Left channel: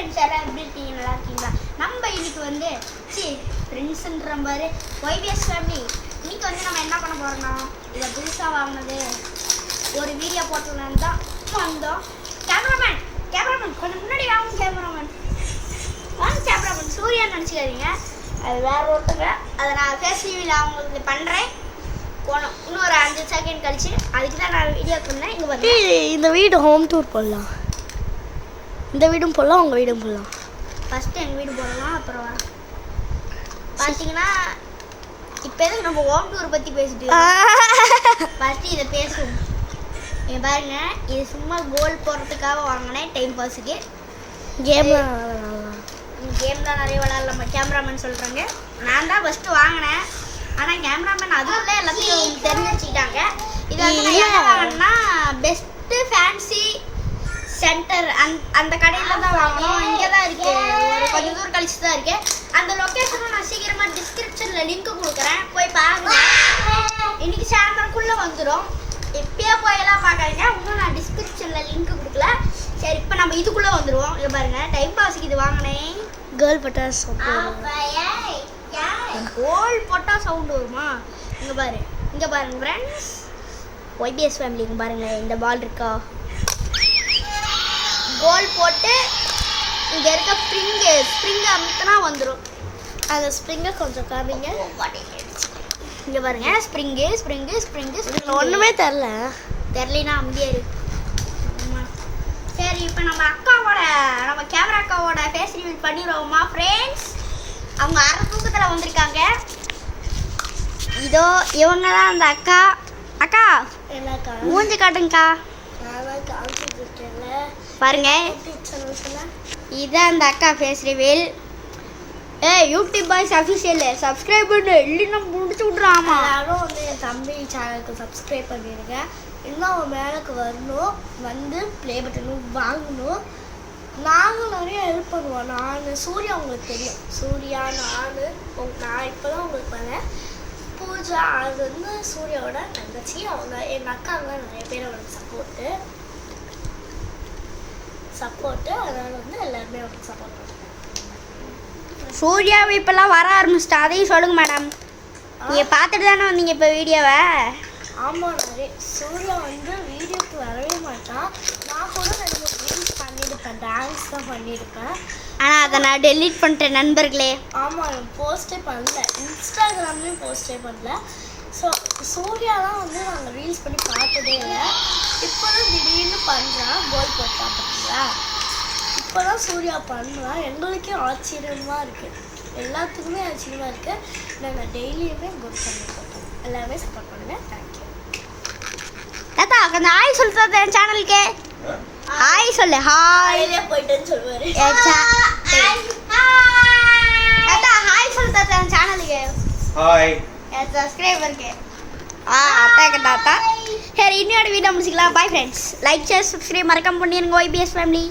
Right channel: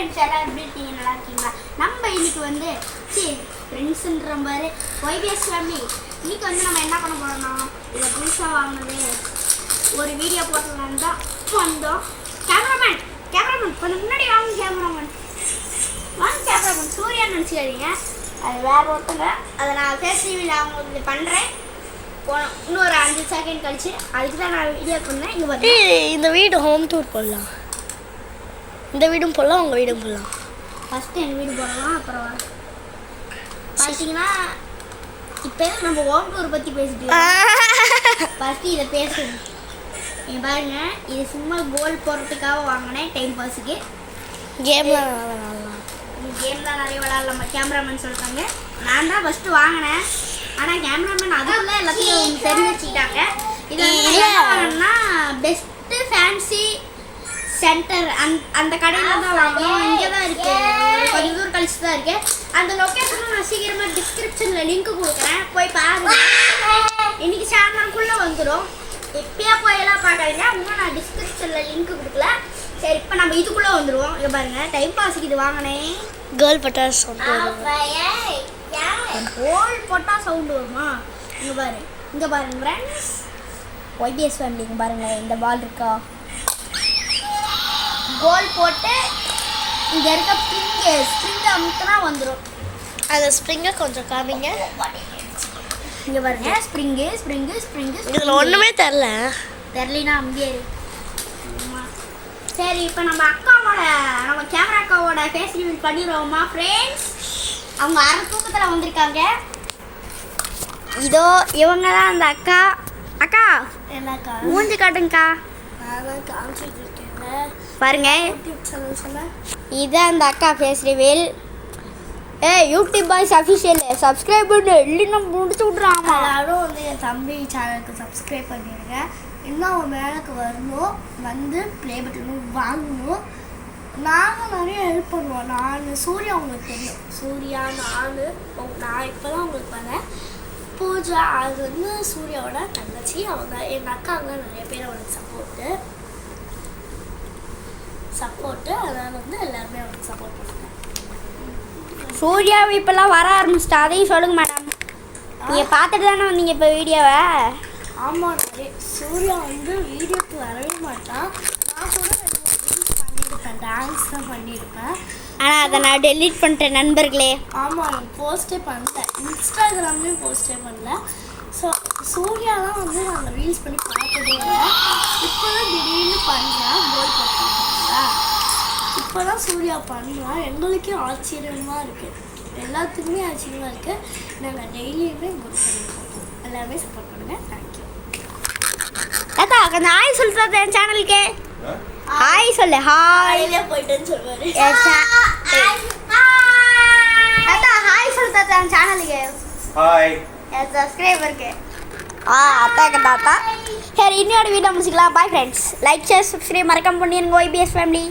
Friends எல்லாம் எப்படி இருக்கீங்க? நல்லா இருக்கீங்களா? நம்ம இன்னைக்கு வந்து ஃப்ரெண்ட்ஸுன்ற மாதிரி ஒய்பிஎஸ் ஃபேமிலி இன்னைக்கு வந்து நம்ம என்ன பண்ண போகிறோம்னா இதை புதுசாக வாங்கினது ஒரு வீடியோ போட்டலான்னு தான் வந்தோம். கேமராமேன் கொஞ்சம் முன்னாடி வாங்க. கேமராமேன் சூர்யா நினச்சிக்காதீங்க, அது வேற ஒருத்தங்க. அதை நான் ஃபேஸ் டிவியில் அவங்களுக்கு இது பண்ணுறேன். இன்னொரு 5 செகண்ட் கழிச்சு அதுக்கு தான் நான் வீடியோ பண்ணேன். இங்கே பார்த்து இந்த வீடு ஹோம் டூர் போடலாம். இந்த வீடும் போடலாம், உங்கள் வீடும் போடலாம். ஃபஸ்ட்டு எங்கள் வீடு போடலாம். அப்புறம் பார்த்தீங்கன்னா இப்போ எதுக்கு நம்ம ஹோம் டூர் பற்றி பேசிட்டு ஃபஸ்ட்டு இதை பேசுவோம். நீங்கள் பாருங்க, இது சும்மா கோல் போடுறதுக்காக வாங்கினேன், டைம் பாஸுக்கு. கேம்லாம் நிறைய விளாட்லாமா கேமராமேன் சொல்கிறாங்க. நான் தான் ஃபஸ்ட்டு வாங்கினேன், ஆனால் கேமராமேன் அதுக்குள்ளே எல்லாத்தையும் தெரிஞ்சு வச்சுக்கிட்டாங்க. இது வந்து என்ன வாங்கினா பெஸ்ட்டு ஃபேன்சி சென்டர் அந்த கடையில் தான் வாங்கணும். இங்கே தான் இருக்குது, கொஞ்சம் தூரம் கழிச்சு தான் இருக்குது. அந்த லொக்கேஷனும் நான் சீக்கிரமாக டிஸ்கிரிப்ஷனில் லிங்க் கொடுக்குறேன், போய் பாருங்க. இன்றைக்கி சாயந்தரம்குள்ளே வந்துடும். எப்பயா போயெல்லாம் பார்க்காதீங்க, இன்னும் நான் டிஸ்கிரிப்ஷனில் லிங்க் கொடுக்கல. சரி, இப்போ நம்ம இதுக்குள்ளே வந்துடுவோம். இங்கே பாருங்கள், டைம் பாஸுக்கு இது வாங்கினேன். கேர்ள் பட்டாசு சவுண்ட் கோல் போட்டால் சவுண்டு வருமா? இங்கே பாருங்க ஃப்ரெண்ட்ஸ், ஒய்பிஎஸ் ஃபேமிலி. இங்கே பாருங்கள், இந்த பால் இருக்கா, கோல் போட்டு இங்கே இருக்க ஸ்ப்ரிங்கை அமுத்தினா வந்துடும். அந்த ஸ்ப்ரிங்கை கொஞ்சம் காமிங்க. இங்கே பாருங்க, ஸ்ப்ரிங்கு இதில் ஒன்றுமே தெரிலனா அங்கேயே இருக்கு. சரி, இப்போ நம்ம கேமரா அக்காவோட ஃபேஸ் ரிவீல் பண்ணிடுவோமா ஃப்ரெண்ட்ஸ்? அவங்க அரை தூக்கத்தில் வந்திருக்காங்க. இதோ இவங்க தான் அந்த அக்கா என்னக்கா மூஞ்சி காட்டுங்கக்கா. பாருங்க, இதுதான் அந்த அக்கா face reveal. YouTube boys official subscribe பண்ணு, இல்லைன்னா முடிச்சு விட்றாமா. எல்லாரும் வந்து என் தம்பி சேனலுக்கு சப்ஸ்கிரைப் பண்ணிடுங்க. இன்னும் அவன் மேலுக்கு வரணும், வந்து ப்ளே பட்டனும் வாங்கணும். நாங்கள் நிறைய ஹெல்ப் பண்ணுவோம். சூர்யா உங்களுக்கு தெரியும், சூர்யா நான் இப்போ தான் உங்களுக்கு வரேன். பூஜா அது வந்து சூர்யாவோட தங்கச்சி. அவங்க எங்கள் அக்காங்களாம் நிறைய பேர் அவனுக்கு சப்போர்ட்டு அதனால் வந்து எல்லாருமே அவனுக்கு சப்போர்ட் பண்ணுறேன். சூர்யா இப்போல்லாம் வர ஆரம்பிச்சிட்டா, அதையும் சொல்லுங்க மேடம். நீங்கள் பார்த்துட்டு தானே வந்தீங்க இப்போ வீடியோவை? ஆமாம், சூர்யா வந்து வீடியோக்கு வரவே மாட்டான். நான் கூட ரீல்ஸ் பண்ணியிருப்பேன், டான்ஸ் தான் பண்ணியிருப்பேன். ஆனால் அதை நான் டெலீட் பண்ணிட்டேன் நண்பர்களே. ஆமாம், நான் போஸ்டே பண்ணல, இன்ஸ்டாகிராம்லேயும் போஸ்டே பண்ணல. ஸோ சூர்யாலாம் வந்து நாங்கள் ரீல்ஸ் பண்ணி பார்த்ததே இல்லை. இப்போ தான் திடீர்னு பண்ணுறான், கோல் போட்டான் பார்த்தீங்களா? இப்போ தான் சூர்யா பண்ணுறான். எங்களுக்கே ஆச்சரியமாக இருக்குது, எல்லாத்துக்குமே ஆச்சரியமாக இருக்குது. நாங்கள் டெய்லியுமே கோல் பண்ணி போட்டோம். எல்லாமே சப்போர்ட் பண்ணுங்கள். தேங்க்யூ. தாத்தா கொஞ்சம் ஹாய் சொல்லுறது என் சேனலுக்கு. ஹாய் சொல்லு. ஹாய் போயிட்டேன்னு சொல்லுவார். தாத்தா ஹாய் சொல்லு தாத்தா என் சேனலுக்கு. ஹாய் என் சப்ஸ்கிரைபருக்கு. அத்தாக்க தாத்தா. சரி, இன்னொரு வீடியோ முடிச்சுக்கலாம். Bye friends. Like share subscribe மறக்காம பண்ணிடுங்க ஒய்பிஎஸ் ஃபேமிலி.